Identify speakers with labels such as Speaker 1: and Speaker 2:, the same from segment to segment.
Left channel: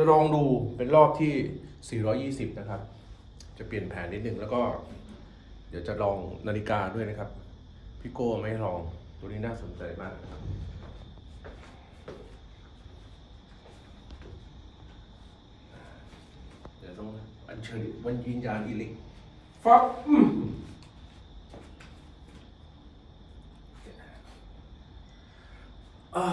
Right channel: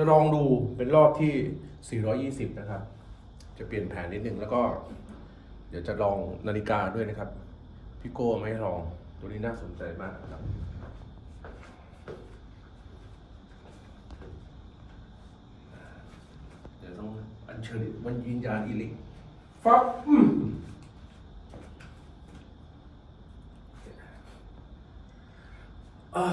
Speaker 1: จะลองดูเป็นรอบที่ 420 นะครับ จะเปลี่ยนแผนนิดนึงแล้วก็ เดี๋ยวจะลองนาฬิกาด้วยนะครับ พี่โก้ไม่ให้ลองตัวนี้น่าสนใจมากนะครับเดี๋ยวต้องอัญเชิญวันยินญาณอิลิกฟับอืมอ้า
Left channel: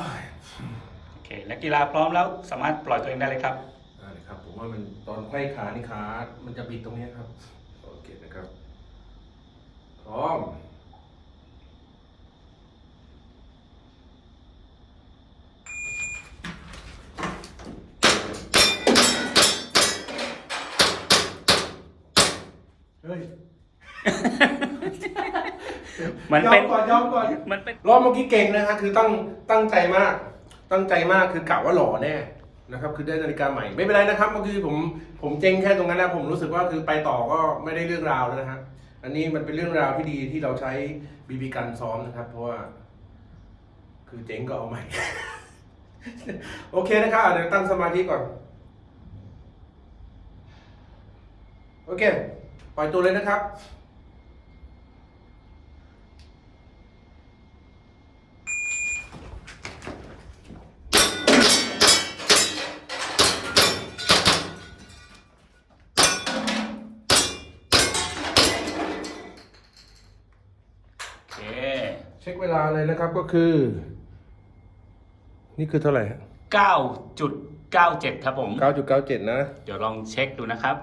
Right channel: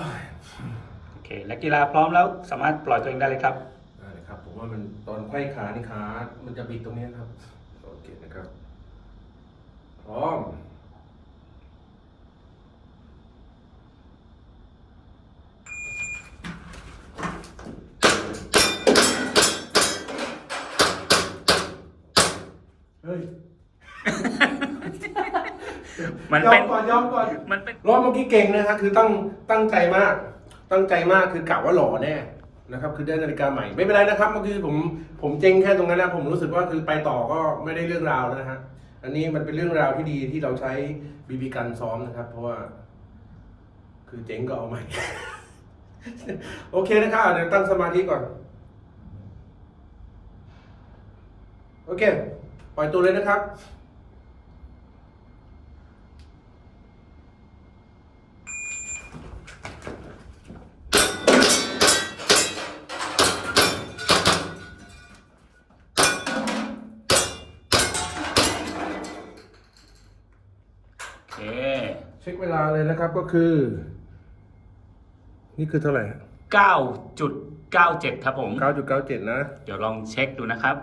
Speaker 1: ย
Speaker 2: โอเคนักกีฬาพร้อมแล้วสามารถปล่อยตัวเองได้เลยครับ
Speaker 1: ได้เลยครับ ผมว่ามันตอนไขว้ขานี่ขา มันจะบิดตรงนี้ครับ โอเคนะครับ พร้อม เฮ้ย
Speaker 2: มัน
Speaker 1: ยอ
Speaker 2: เป็
Speaker 1: ม
Speaker 2: น
Speaker 1: ก่อนยอมก่อน
Speaker 2: มันเป็น
Speaker 1: รอบเมื่อกี้เก่งนะฮะคือตั้งตั้งใจมาก ตั้งใจมากคือกะว่าหล่อแน่นะครับคือได้นาฬิกาใหม่ไม่เป็นไรนะครับเมื่อกี้ผมผมเจ๊งแค่ตรงนั้นแล้วผมรู้สึกว่าคือไปต่อก็ไม่ได้เรื่องราวแล้วนะฮะอันนี้มันเป็นเรื่องราวที่ดีที่เราใช้บีบีกันซ้อมนะครับ เพราะว่า คือเจ๊งก็เอาใหม่ โอเคนะครับเดี๋ยวตั้งสมาธิก่อน โอเค ปล่อยตัวเลยนะครับ
Speaker 2: เค
Speaker 1: เช็คเวลาเลยนะครับก็คือ นี่คือเท่าไหร่
Speaker 2: 9.97 ครับผม
Speaker 1: 9.97 นะ
Speaker 2: เดี๋ยวลองเช็คดูนะครับ